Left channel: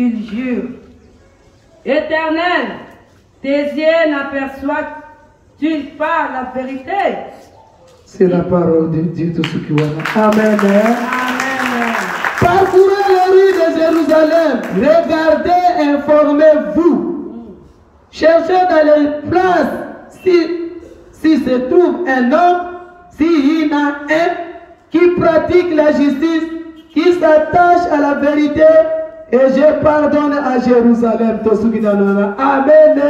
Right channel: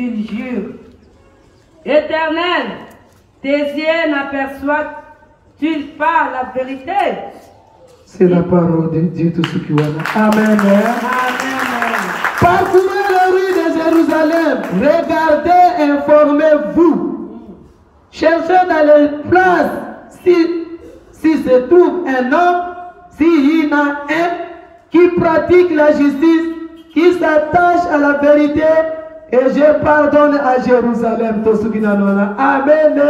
qu'il jure. Éternel, tes yeux n'aperçoivent-ils pas la vérité? C'est la parole de Dieu, tout ce qui va là. Amen. Amen. Parcourez les rues de Jérusalem. Regardez, informez-vous. Cherchez dans les places si se trouve un homme, s'il y en a un qui pratique la justice, qui s'attache à la vérité, et je pardonne à Jérusalem. Amen. Amen.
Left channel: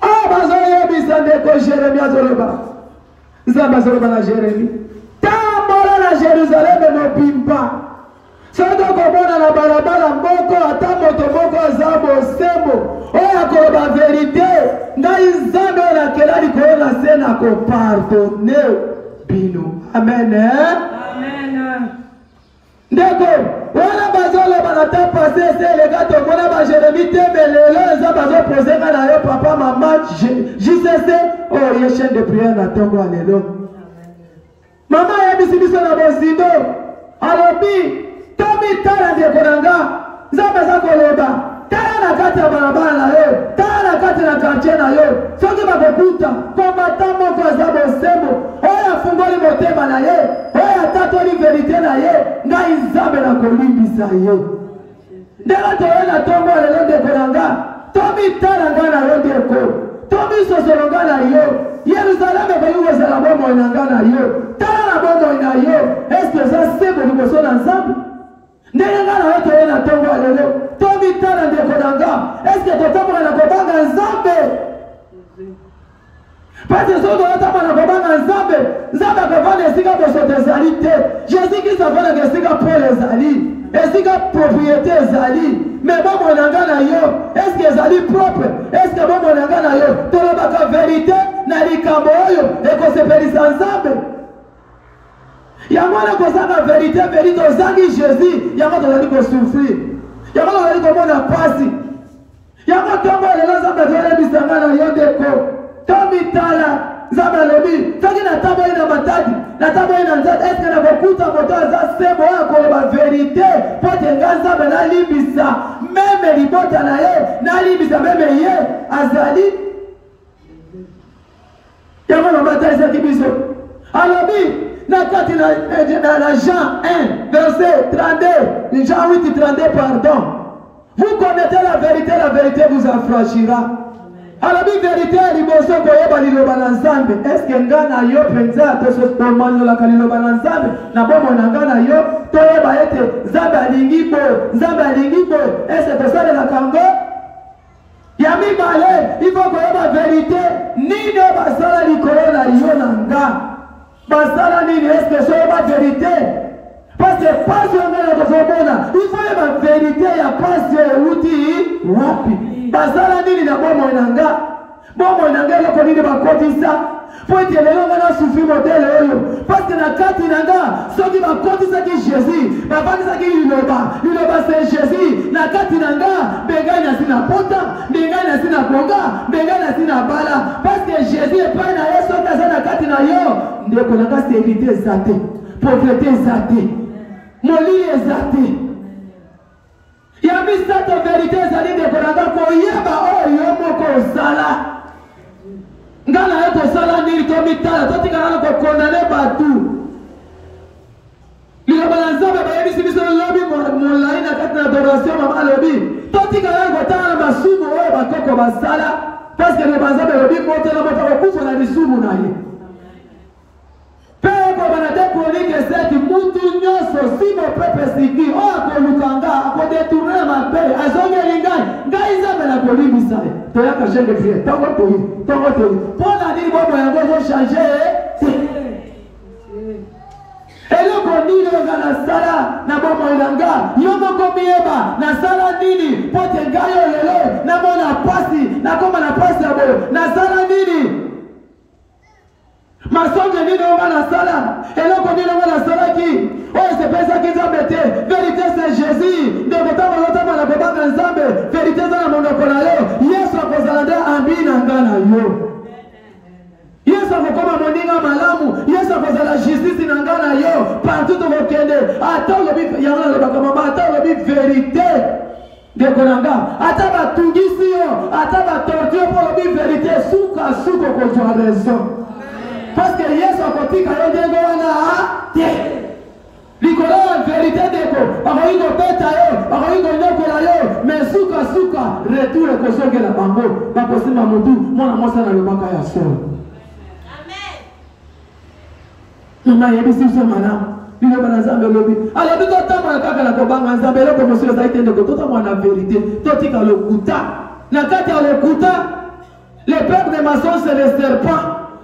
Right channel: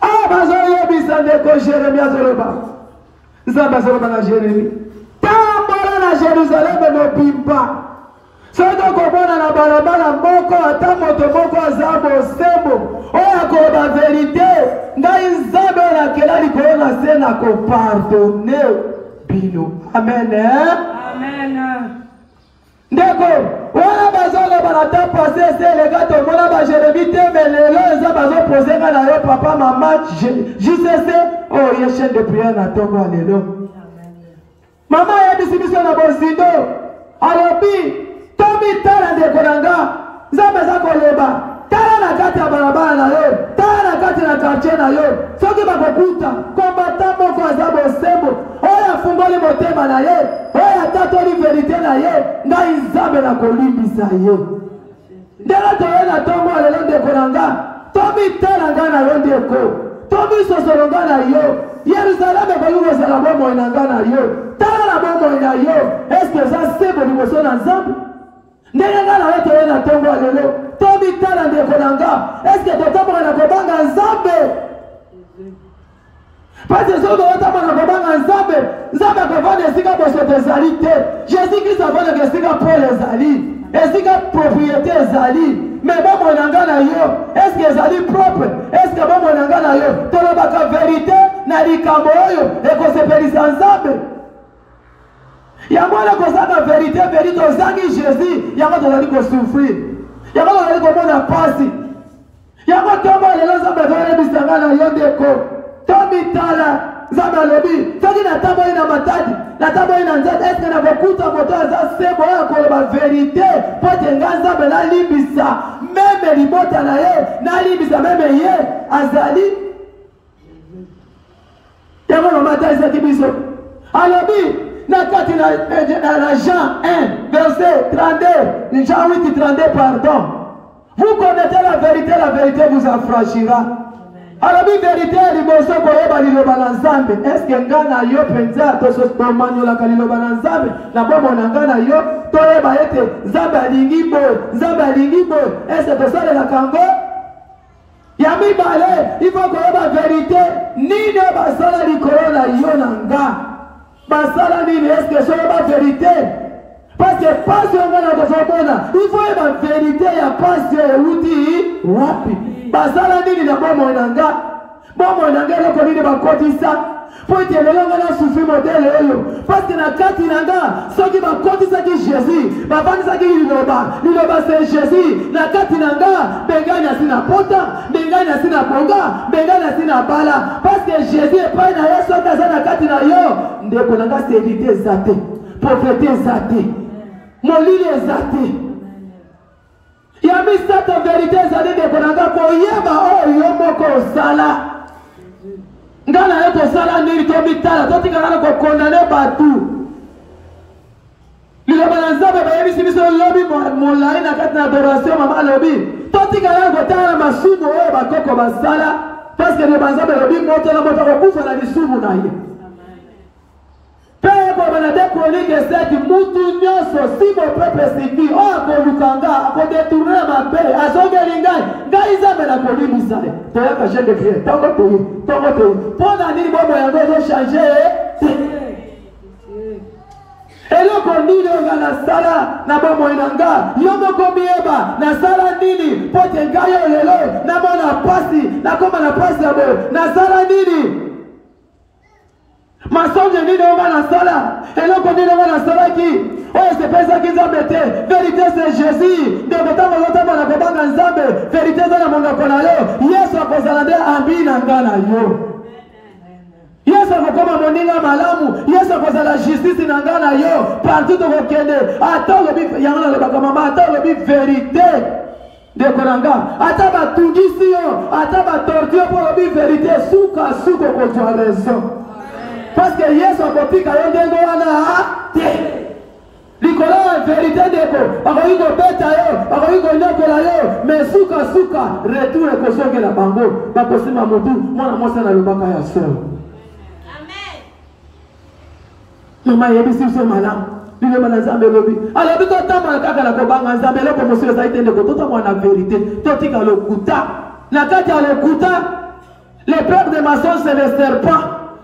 Ah, bazoye bisandeko Jérémie azoloba. Nzamba azoloba na Jérémie. Tambola na Jérusalem mobimba. Soto komona na balabala moko ata moto moko aza bosembo. Oya koloba vérité. Ngai nzambe na kela likolo na se na kopardone bino. Amen. Amen. Ndeko, wana bazoloba na ta passé c'est le gars to mona ba Jérémie te mais lelo eza bazo poser na yo papa maman JCC oh ye chaîne de prière na tongo lelo. Mama ya bisibiso na bozindo. Alobi tobi tala ndeko nanga nzambe za koloba tala na kati ya barabara na yo tala na kati na quartier na yo soki bakokuta kombata moko aza bosembo oyo afungoli motema na ye oyo atatoli verite na ye ngai nzambe na kolimbisa ye ndenge toye na tongo lelo ndeko na nga tomitala nga na yo ndeko tomisosolo nga na yo Yerusaleme koyi kozala bomoi na nga na yo tala na bomoi na yo eske eza sembo liboso na nzambe ndenge nga na yo toye na tongo lelo tomitala ndeko na nga eske totambola na kobanga nzambe parce que soki oyotambola na kobanga nzambe nzambe akovanda esika bosoto ezali te jésus kristo avandaka esika pole ezali esika propriété ezali mais bomoi na nga na yo eske ezali propre eske bomoi na nga na yo tolobaka vérité na likambo oyo ekosepelisa nzambe yango wana kozanga vérité ozangi jésus yango tozali kosouffrir yango tozali komona pasi yango ntongo lelo nzambe azoyebisanga na yo ndeko tomitala nzambe alobi soki natamboyi na matadi natamboyi na nzambe eske nakokuta moto aza sembo oyo akoloba vérité mpo te nga nzambe nalimbisa meme libota na ye nalimbisa meme ye azali yango mama talisaki biso alobi na kati na Jean 1 verset 32 Jean 8 32 pardon vous connaissez la vérité vous affranchira. Alors la vérité liboso koyeba liloba na nzambe eske nga na yo penza to tomanyola kaliloba na nzambe na bomo na nga na yo toyeba ete nzambe alingi bo eske tosalela kango ya mibale il faut koyeba vérité nini basala likolo na yo na nga basala nini eske soyeba vérité parce que pasi yanga na kozomona il faut yeba vérité ya pasi euti wapi basala nini na bomoi na nga eloko nini bakotisa po ete lelo nga nasufi modele oyo parce na kati na nga soki bakotisaki jésus bafandisaki liloba se jésus na kati na nga bengai nasi na pota bengai nasi na bonga bengai nasi na bala parce que jésus epai na yo soki aza na kati na yo ndeko na nga serite eza te pauvreté eza te molili eza te ya misato vérité ezali ndeko na nga koyeba oyo yo moko osala nga na yo tosala nini tomitala totikala na kokondane batu liloba na nzambe bayebisi biso lobi molai na kati na adoration mama alobi totikala na kotala na masumu oyo bakoko basala parceke liloba na nzambe lobi moto na moto akokufa na lisumu na ye Pego banade chronique seti mutu nyoso si mo pepe siki o akolukanga akodetourner mabe azongeli ngai nzambe na kolibisa toyaka jenge vie tongo toyi mpona nini bomo yango ezochange eloko nini oyo nasala na bomoi na nga yo moko miyeba nasala nini mpo te ngai oyo lelo namona pasi nakoma na pasi ya boye nasala nini masonge nini onga nasala eloko nini onga nasalaki oyo esepesaki nzambe te vérité c'est jésus ndeko ntango ozotamba na kobanga nzambe vérité eza na monoko na yo yesu akozala nde ambi na nga na yo yesu Yesu akokoma moninga malamu. Yesu akozala justice na nga na yo. Partout okokende. Ata lobi yango nalobaka mama. Ata lobi vérité. Ndeko na nga. Ata batungisi yo. Ata batortio po lobi vérité. Suka suka okozwa raison. Parce que Yesu akotika yo ndengo wana te. Likolo ya vérité ndeko. Bakoki kobeta yo. Bakoki konyokola yo. Mais suka suka. Retour ekosongela bango. Bakosima motu. Mwana mwasi analobaka ya solo. Mama yebisi so malamu. Nile mana nzambe lobi. Alobi to tamba kaka na kobanga nzambe loko monsieur za itende ko to mwana vérité. To tika lokuta. Na kati ya lokuta les pères de maçons c'est les serpents.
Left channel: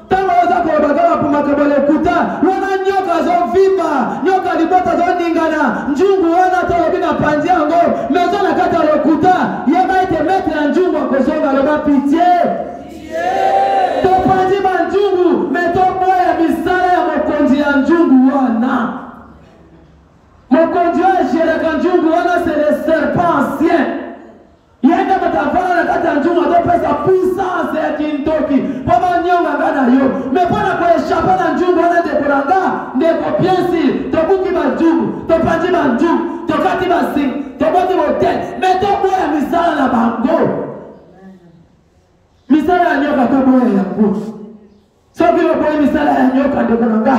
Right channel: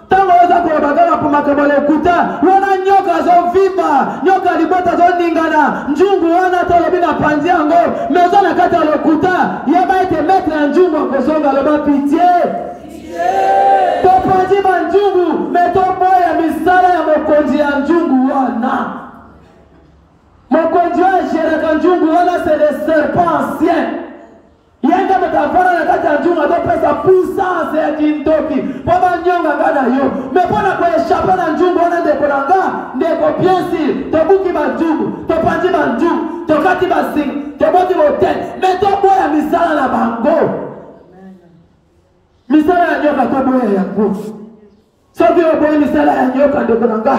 Tango oza ko bagala pour makabo lokuta. Wana nyoka zo vimba. Nyoka libota zo ningana. Njungu wana to lobi na panzi yango. Mezo na kati ya lokuta. Yeba ete mettre njungu akosonga loba pitié. Topanzi manjungu meto boya misala ya mokonzi ya njungu wana. Mokonzi wa jereka njungu wana c'est le serpent ancien. Yenda matafara na kati ya njungu atopesa puissance ya kintoki. Poma nyonga ngana yo. Mepona kwa eshapa na njungu wana ndeko na nga. Ndeko piensi. Tobuki manjungu. Topanzi manjungu. Tokati masingi. Toboti motel. Meto boya misala na bango. Misala ya nyoka to boya ya nguvu. Sobi oboye misala ya nyoka ndeko na nga.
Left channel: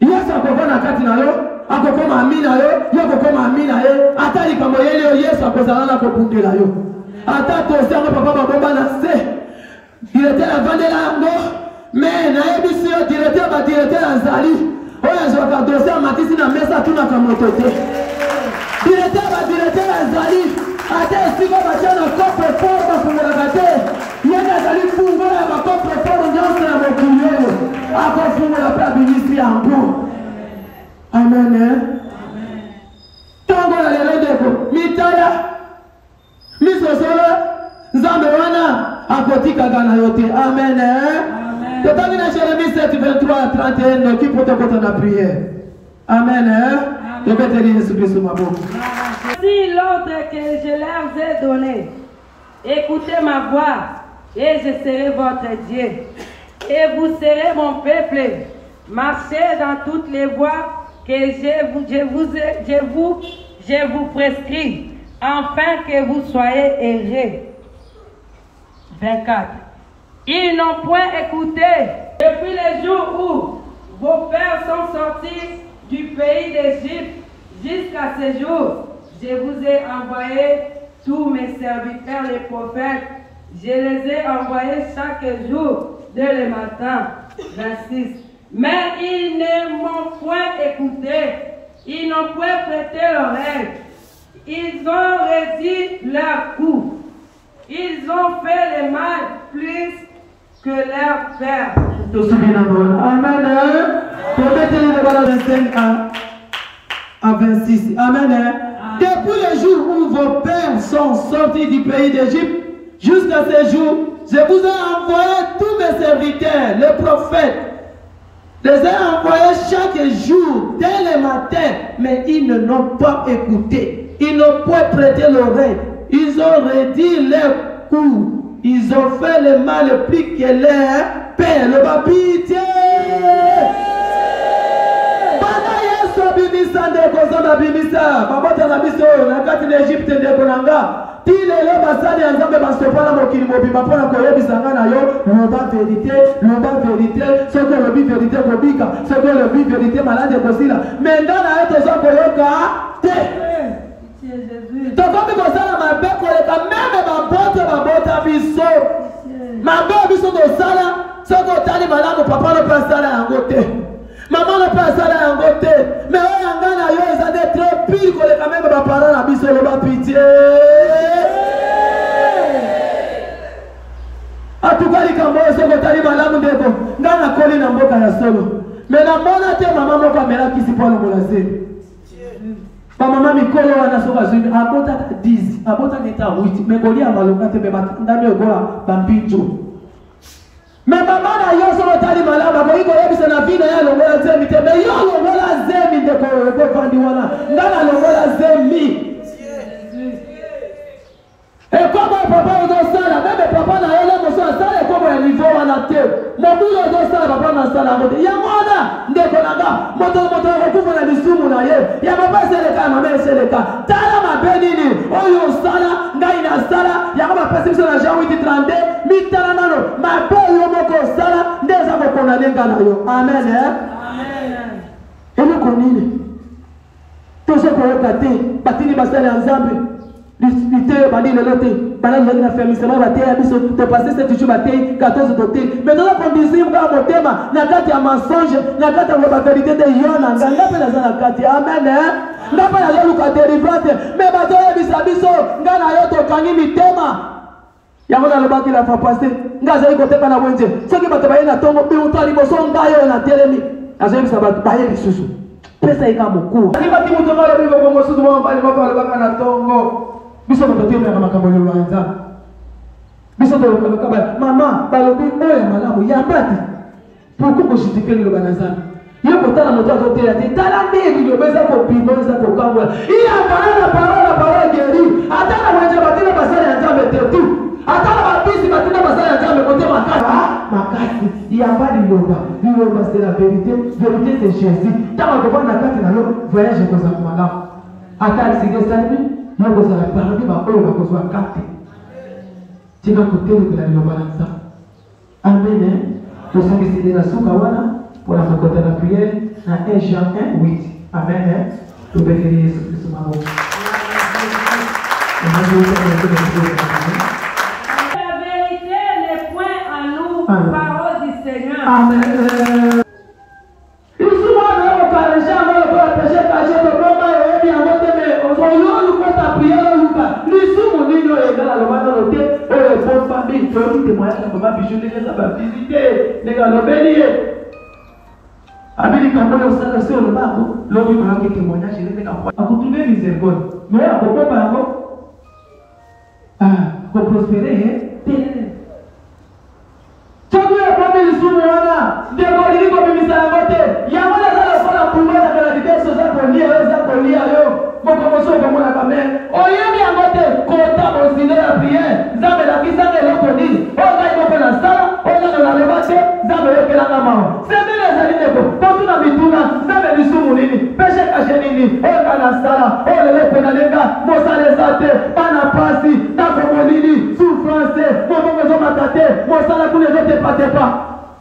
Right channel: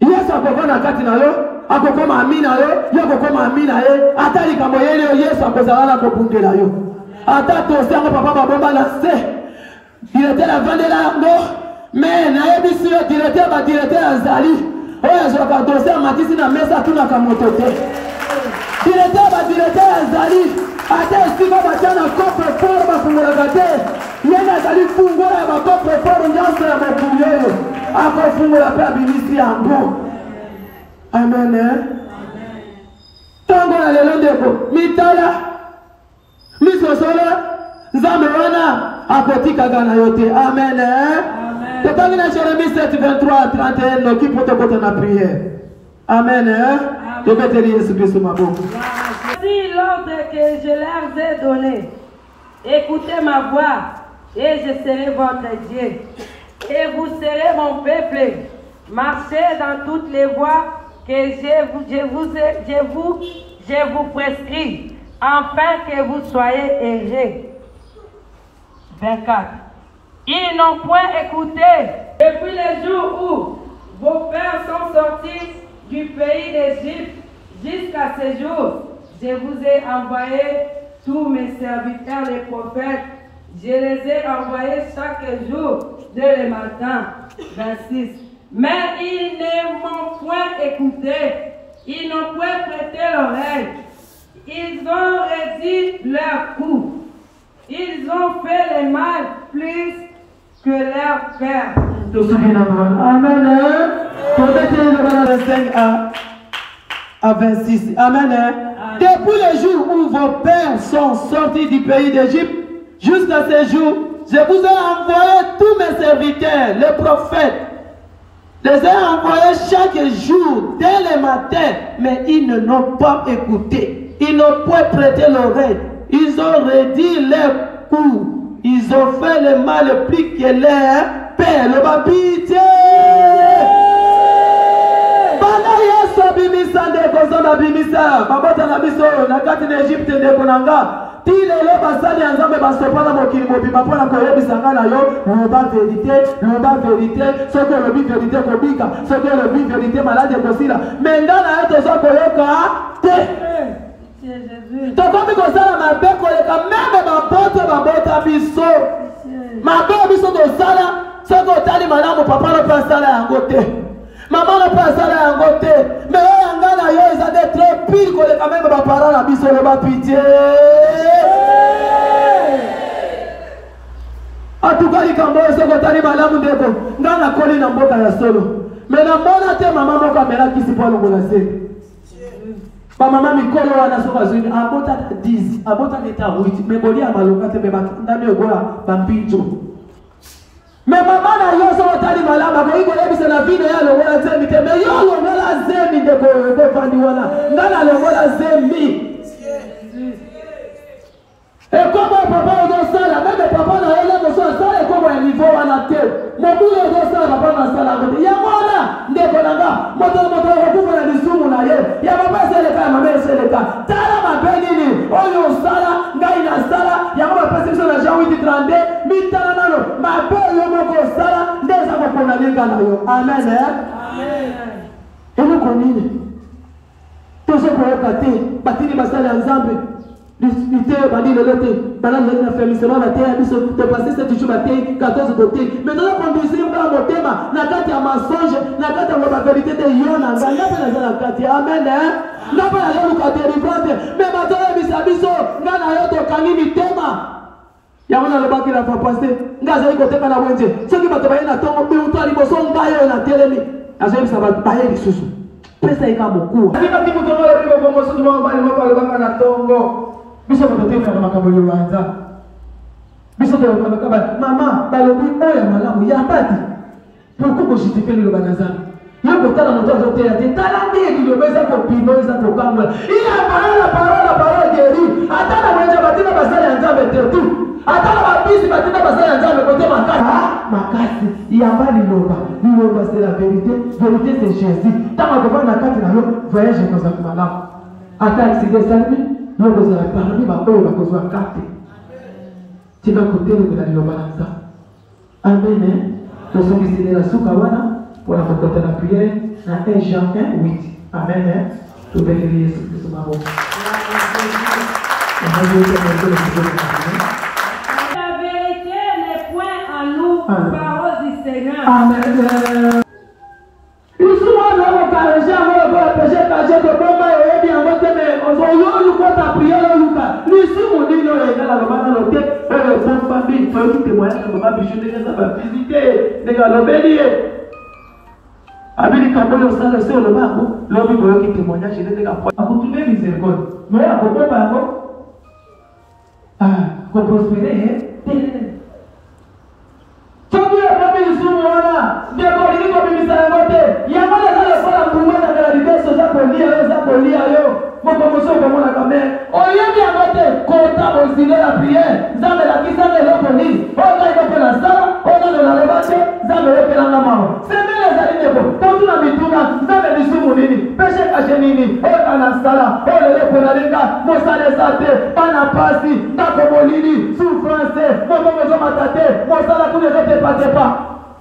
Yesu akokona kati na yo. Akokoma amina yo. Yo akokoma amina ye. Atali kamo yele yo Yesu akozala ko bundela yo. Ata tosi yango papa babomba na se. Directeur la vandela yango. Mais na yebisi yo directeur ba directeur azali. Oya zo ka dossier matisi na mesa tuna ka motote. Directeur ba directeur azali. Ate siko bachana coffre fort bafungula kate. Yena azali fungula ba coffre fort nyonso ya mokulu. Akofungula pa binisi yango. Amen. Amen. Tango na lelo ndeko mitala misosolo nzambe wana akotika gana yote. Amen. Amen. Totangi na Jérémie 7:23-31 qui peut te porter na prière. Amen. Je vais te dire Jésus Christ maboko. Si l'ordre que je leur ai donné, écoutez ma voix et je serai votre Dieu et vous serez mon peuple. Marchez dans toutes les voies que je vous prescris, afin que vous soyez heureux. 24. Ils n'ont point écouté depuis les jours où vos pères sont sortis du pays d'Égypte jusqu'à ce jour. Je vous ai envoyé tous mes serviteurs, les prophètes. Je les ai envoyés chaque jour dès le matin. 26. Mais ils ne m'ont point écouté. Ils n'ont point prêté l'oreille. Ils ont réduit leur cou. Ils ont fait le mal plus que leur père. Amen. Le 25 à 26. Amen. Depuis le jour où vos pères sont sortis du pays d'Égypte, jusqu'à ce jour, je vous ai envoyé tous mes serviteurs, les prophètes. Je les ai envoyés chaque jour, dès le matin, mais ils ne l'ont pas écouté. Ils n'ont pas prêté l'oreille. Ils ont réduit leur cou. Ils ont fait le mal plus que leur père. Le pitié. Bimisa ndeko nzamba bimisa babota na biso na kati na Egypte ndeko nanga ti lelo basali ya nzambe basopana mokili mobimba mpona koyebisa nga na yo loba vérité soki olobi vérité kobika soki olobi vérité maladi ekosila me nga na yo toza koyoka te tokomi kosala mabe koleka meme babota biso mabe biso tosala soki otali malamu papa no mpe asala yango te. Maman ne peut pas aller en côté. Mais on a gagné, ils ont été très pire que les quand même mes parents n'habillent le bas pitié. En tout cas, les Cambodgiens, c'est que tu as malamu deko. Ngana koli na mboka ya solo. Mais na mona te maman mo caméra qui se parle au molase. Ba maman mikolo wana soka zui. Abota 10, abota neta 8. Mais boli amaloka te be batandami ogola bampinjo. Mais maman na yo so otali malama ko iko yebisa na vida ya longola zemi te mais yo longola zemi de ko fandi wana ngana longola zemi et comment papa ozo sala même papa na yo le moso sala et comment ya niveau wana te mobulu ezosala papa nasala yango te yango wana ndeko nanga moto akokufa na lisumu na ye ya papa eseleka mabe eseleka tala mabe nini oyo osala ngai nasala yango bapesi biso na Jean 8:32 mitala nano mabe oyo moko osala nde eza kokondane nga na yo amen eloko nini tozokoyoka te batini basala ya nzambe lite badi lelo te banazali na fermisement bateya biso topase 7 jours batei 14 tote mais toza kondisiri mkaa motema na kati ya mensonge na kati ya bakarité te yo na nga nga mpe naza na kati amen nga mpe nazoluka délivrance mais bazoyebisa biso nga na yo tokangi mitema yango nalobaki na papase nga azali koteka na bwenje soki bato baye na ntongo biuto ya liboso ngai oyo na telemi azoyebisa bato baye lisusu pesa eka mokuwa akibaki moto ngalebibomosusu mobali alobanga na ntongo biso bato temelaka makambo eloba ya nzambe biso tolobaka mama balobi oyo malamu yambati pourkui kojustifie liloba na nzambe yo kotala moto azoteya te tala nde liloba eza kopino eza kokambola iya parole geri ata na mwenja batina basala ya nzambe te tu ata na bapisi batina basala ya nzambe kote makasi yamba liloba c'est la vérité c'est Jésus tama kovanda na kati na yo voyage ekozala malamu ata akside esalimi yo kozala parmi baoyo bakozwa kate tika kotelekela liloba na nzambe amen tosokisile na suka wana mpona kokota na priere na 1 Jean 1:8 amen tobeleli Yesu Kristo maboko la vérité n'est point en nous parole du Seigneur amen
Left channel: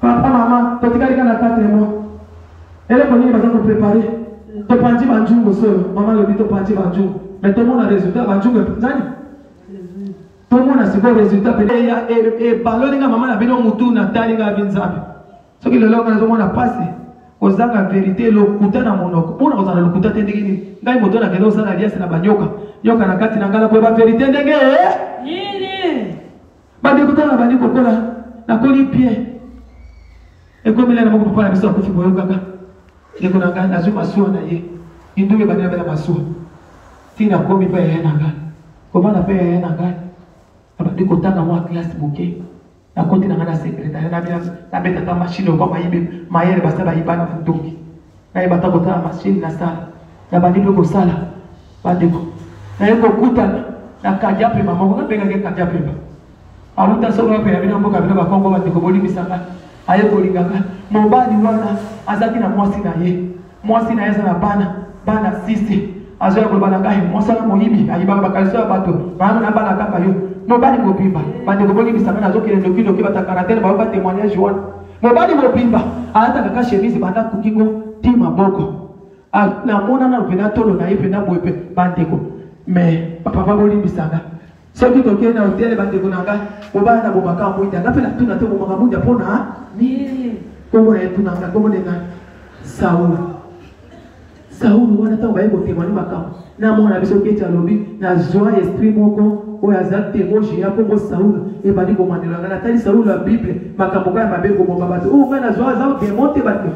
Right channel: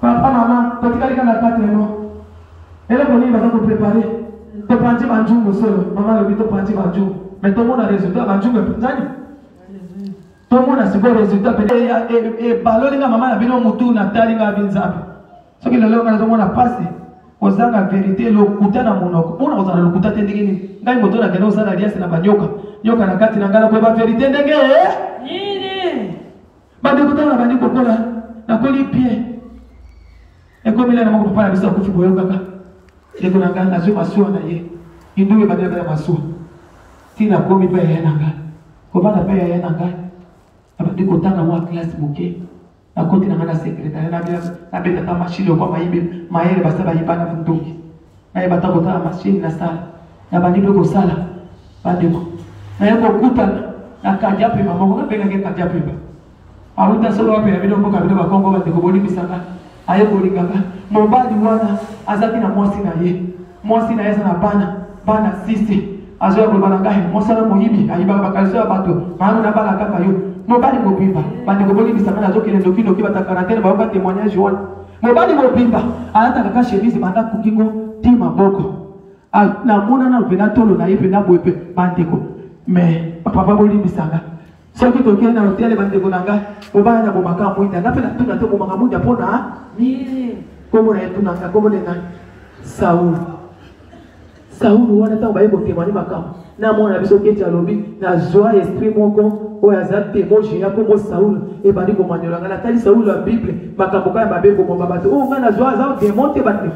papa maman totikalika na 4 mois eloko nini baza koprepare topanzi banjungu solo mama lobi topanzi banjungu mais tomona résultat banjungu epanzani tomona sikoyo résultat pene baloninga mama na bino mutu na talinga binzambe soki lelo kana tomona pasi ozanga vérité lokuta na monoko mpona kozala lokuta te ndenge nini ngai moto na kende osala liasi na banyoka nyoka na kati na ngala koyeba vérité ndenge nini bandekutana na bandi kokola nakoli bien ekomela na moko papa na biso akufi boyo kaka ndeko na ngai nazwi masuwa na ye indule bandela bela masuwa tina komi mpe yaya na ngai kobana mpe yaya na ngai abandi kotanga mwa klase moke nakoti na ngai na sekretari nabetata mashine okwa mayele basa bayibana ndongi nayebata kotala mashine nasala nabandi mpe kosala bandeko naye kokutana na kadiapemba moko nabengaki kadiapemba awuta solo wape ya bino mboka bino bakongo bandeko bolimbisanga aye kolingaka mobali wana azaki na mwasi na ye aza na bana 6 azoya kolobana ngai mwasala moyibi ayibaka bakaliso ya bato maana na bana kaka yo mobali mobimba bandeko bolimbisanga nazokele lokiloki bata quarantaine bayoka témoignage wana mobali mobimba alata kaka chemise banda kukingo ti maboko namona na lopena tolo na ye pena boye mpe bandeko mais papa bolimbisanga soki tokende na hotele bandeko na ngai mobali na bomaka mwinda nga mpe natuna te bomaka mwinda mpona nini kombo na ye tunanga kombo na ngai Saulu wana ntango baye kotémoigne makambo na mwana na biso keti alobi na joie esprit moko oyo aza témoin ya kombo Saulu ebandi komanyola ngai natali Saulu ya bible makambo kaka mabe komoma bato oyo ngai na joie aza démon te bato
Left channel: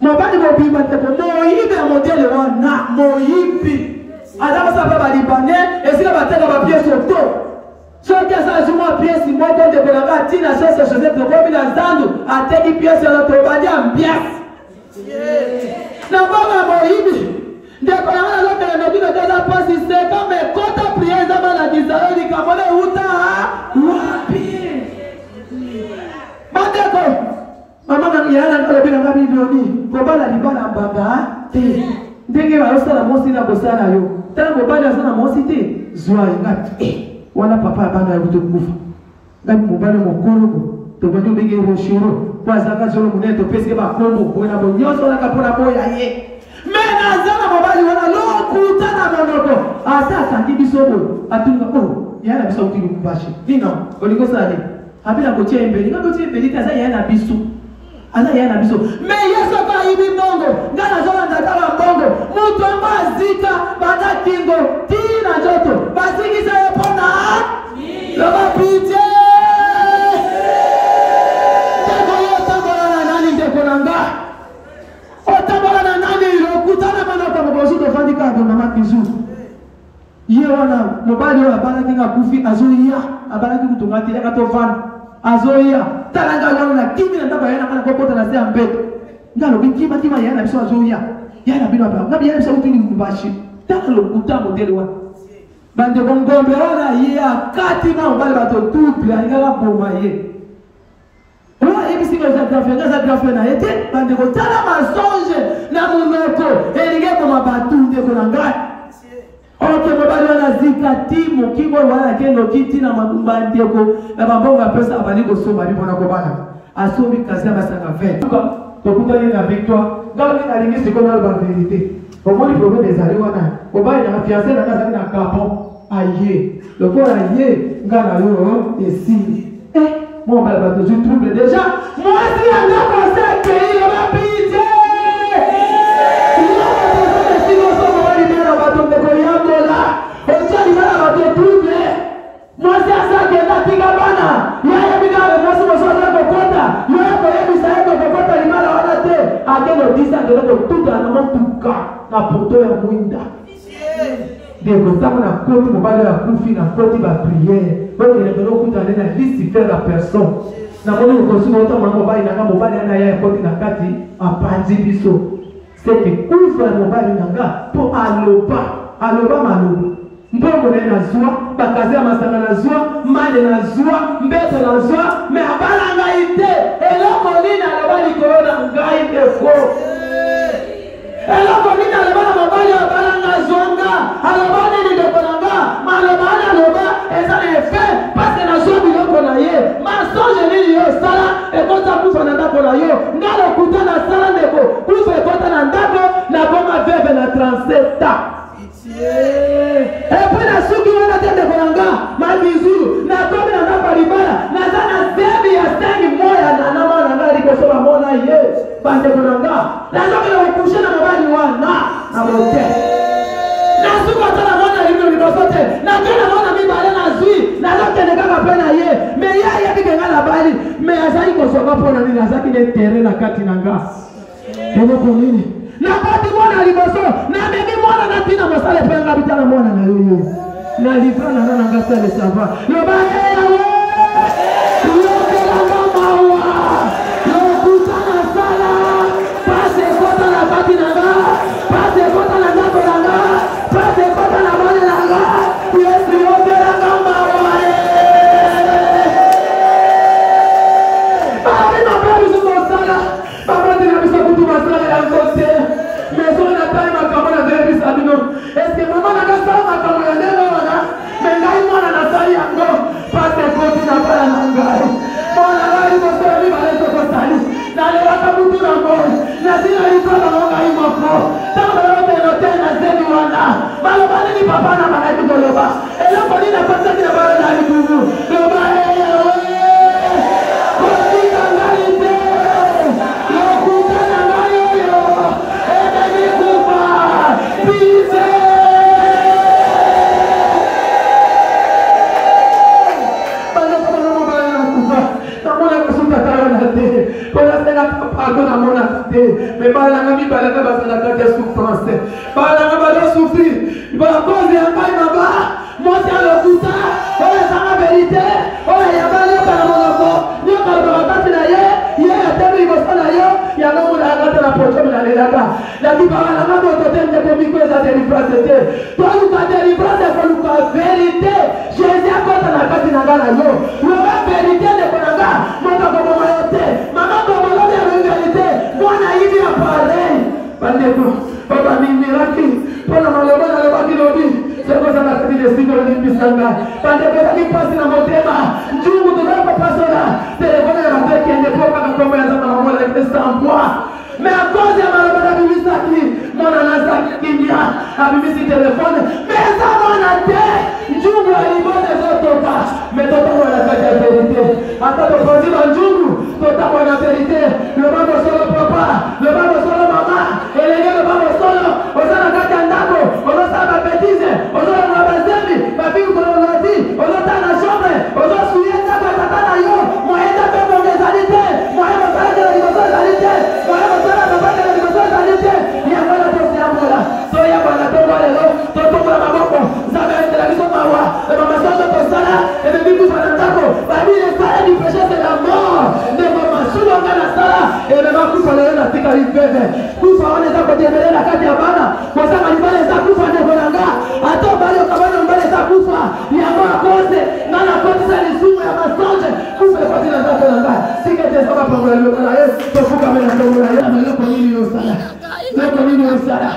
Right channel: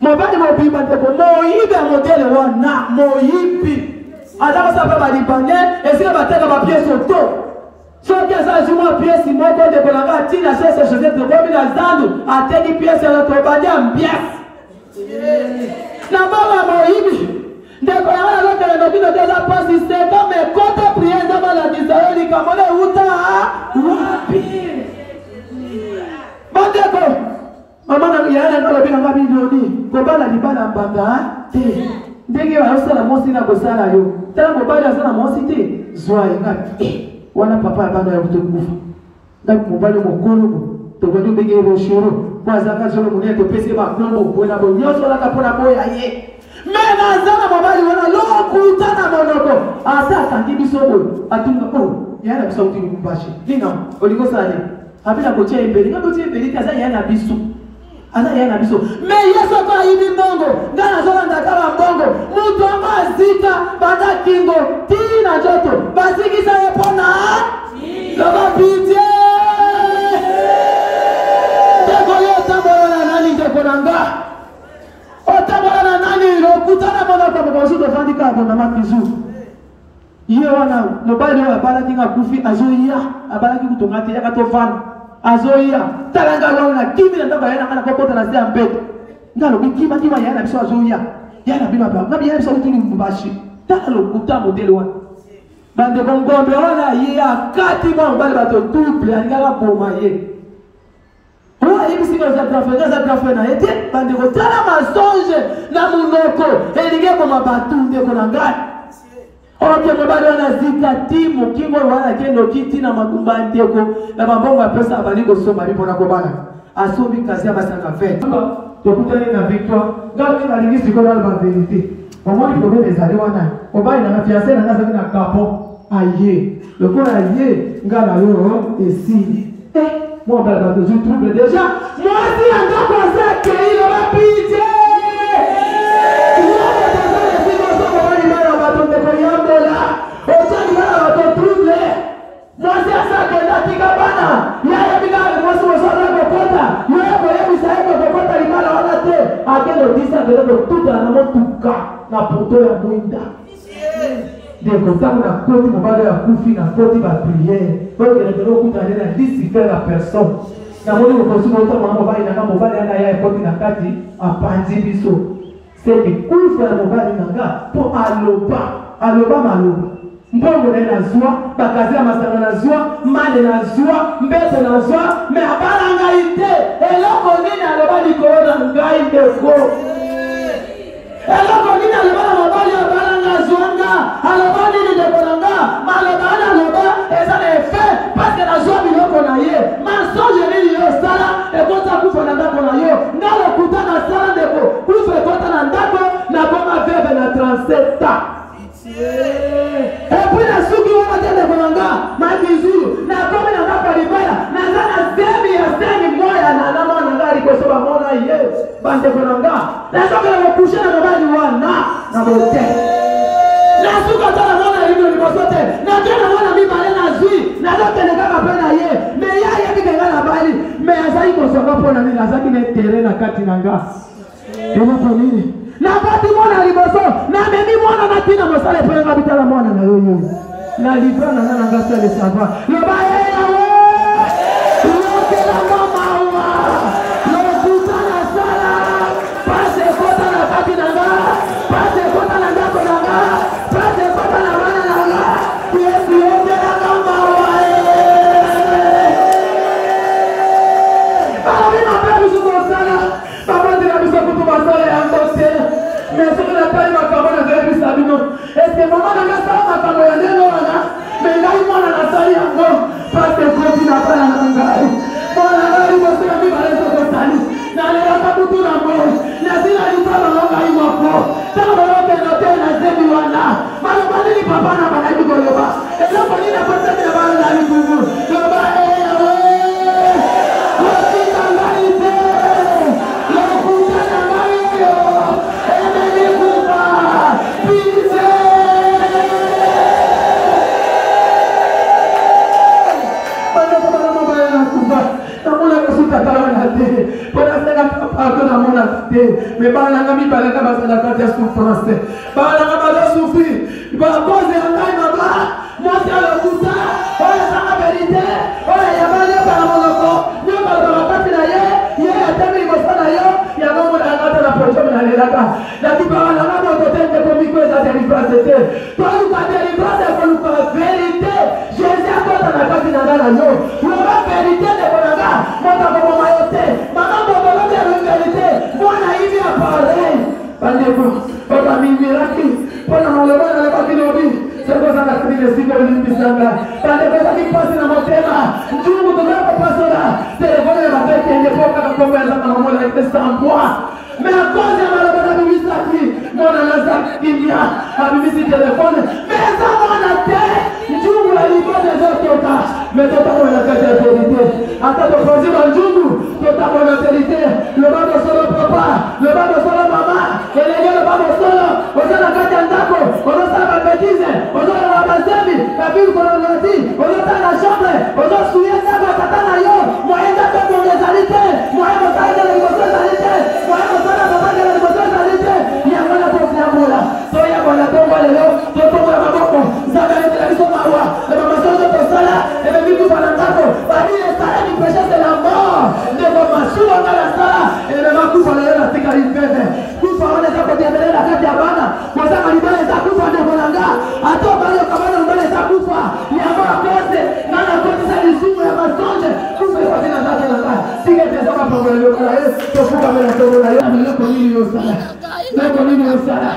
mobali mobimba ndeko moyibi ya modele wana moyibi aza kosala balibanais esika bateka bapiese oto soki aza azwi mwa piese moko ndeko na ngai atina sosa josete komi na zandu ateki piese na tobandi ya mbiasi na mbongo ya moyibi ndeko ya ngai azokele nobino te eza pasi seka me kota prie ezama na Israeli likambo na euta wapi mosi na kosala yo. Tala mobali azana mosi te. Zwa ngati. Wana papa abanga ya kutokufa. Ngati mobali mokolo. Tobani mbenge roshiro. Kwa zaka zolo mune to pese ba kombo bona bo nyoso la kapona boya ye. Mena zana mobali wana lo kutana monoko. Asa kangi bisobo. Atunga oh. Yana biso uti mbashi. Nina oliko sale. Habina kotia mbeli. Ngati kotia mbeli kaza yana biso. Ana yana biso. Me Yesu kwa hivi bongo. Ngana zola ndakala bongo. Mutu amba zika banda kingo. Tina joto. Baziki sa yapona. Loba pite. Ndeko yo tambola na nani ndeko nanga. O tambola na nani lokutana mana kwa mbasu to fandika kwa mama kizu. Ye wana mobali wa baraki nga kufi azoia. Abaraki kutongati yaka tofana. Azoia. Talanga wana kimi na ndaba yana kana kokota na zia mbeto. Ngalo bikima kima yana biso azoia. Yana bino apa. Ngabi yana biso utuni mbashi. Tala lokuta modele wana. Bande kongombe wana ye akati mwa mbale bato double alingaka boma ye. Owa hivi singa za grafe na ete bande kotala masonge na munoko elinge boma batu ndeko na ngati. Ok, mobali wana zika timu kingo wana kendo kiti na magumba ndeko na mabongo ya pesa abaliko soma bipo na kobala asomi kazi ya masanga fete tokutani na victoire ngalo ina lingisi kona la vérité omoni problème ezali wana obali na fiancé na kaza na capon aye loko aye ngala yo esi moi bala bato je trouble déjà moi si anda kwa sake ile bapite ndeko yambola osali mara bato trouble mwasi asake na tika bana yaya bika nasu mosala kokota yaya koyebisa yako kokota limala wana te akeno disa ndeko tuta na motuka na poto ya mwinda ndeko tangu na koti mobali ya kufi na koti ba prière donc le ndeko kuta na lisi faire la personne na moni ukosuma ota mobali na mobali ana ya koti na kati apanzi biso c'est que kufa ya mobali nanga po aloba malobi mbongo na na zwa bakazi ya masanga na zwa mane na zwa mbeto na zwa me abala ngai te eloko nini aloba likolo na ngai ndeko eloko nini aloba mobali abala na zwanga aloba nini ndeko na nga maloba na aloba eza na efe parce que na zwa biloko na ye masonge nini yo sala ekota kufa na ndako na yo ngalo kuta na sala ndeko kufa ekota na ndako na koma veve na 37 ans et puis na suki wana tende konanga makizulu na komi na ngapa libaya na zana zebi ya sengi moya na alama na ngari kwa soba mona ye bande konanga na zoke na wakushe na mobali wana na bote na suka tala mwana lino libosote na kena mwana mibale na zui na zoke ne kaka pena ye me ya ye bika na bali me azai kosoba pona ni azaki ne tere na kati nanga ebo ko nini na bati mwana liboso na memi mwana na tina mosale penga bitala mwana na yoyo na livra na nana ngasa le savoir lo ba yawe lo kela kama wa lo kutana sala pase kota na kati nanga pase kota na ndako nanga pase kota na bana nanga yesu lo kela kama wa baba na baba zuko sala baba tina bisa kutuba sala ya ngote mais on a pas eu ma parole à Jésus Sabino. Est-ce que maman n'a pas ma parole à Jésus? Mais là, il m'a la salle à moi. Pas de compte, n'a pas la langue. Mon langue, il m'a fait un livre à l'être salut. N'a les gars, tout le monde. La sille à l'histoire, la langue, il m'a fait. Tant que l'on est noté, la scène du Wanda. Malheureusement, il papa n'a pas été de l'Oba. Et le poli n'a pas fait de la balle dans les goûts. L'Oba est à moi. Mais pas la famille, pas la cabane, la carte de souffrance. Pas la cabane de souffrir. Il va cause de un bail, maman. Moi, c'est le cousin. Voilà, c'est la vérité. Voilà, il y a pas de par mon enfant. Il y a pas de carte là, il y a un thème, il va se là, il y a un moment à la carte de la prochaine, la là. La qui parle, la carte de l'hôtel de comico, ça délivrance. Toi, nous, la délivrance, c'est pour nous la vérité. Jésus a compté la carte de la main. La vérité de Bonaga. Moi, dans mon maillot, maman, moi na hivi ya pareil bandeko baba miracle pona esiko limbisanga bande ko tali pasi na motema njungu to na pasona telefone ya bataki ende poka na komo ya zama mola ikestambwa mais à cause ya mala bana bisaki mona na zakinya abimisi telefone mais ça mona te njungu alibode zotoka mais tota mona kata vérité ata to panzi ba njungu tota mona vérité le baba solo papa le baba solo mama elenge le baba solo osana kata ndako osana bêtise osana wabazemi babi ko loti osana la chambre osana suye na kata na yo moenda pe mongezalite moenda sala de libozalite moenda sala de baba de libozalite ya mala to siamula to ya bala to wale lo to to maboko zaba ile la biso mawa e mama sala ko sala e be biku bana ndako babi le sala du péché de la mort de mama sula ngala sala e be makufa le na tikali bebe kufa ona za kujebele na kati ya bana mozanga libale za kufa de bonanga ato bale kabana mbale za kufa ya ma kote ngana kote za nisumu ya masonje kufa kwa tina za bonanga sikete za baba kwa leo kana yesu to kufa mena somo na ya leo kwa nini yo sala leo kwa nini yo sala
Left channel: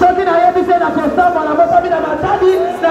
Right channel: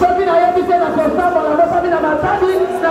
Soki na yebi se na kosamba na mopami na matadi na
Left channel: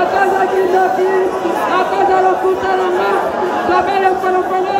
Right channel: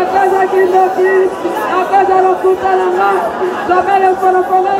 Akaza kindoki, akaza lokuta langa, kamele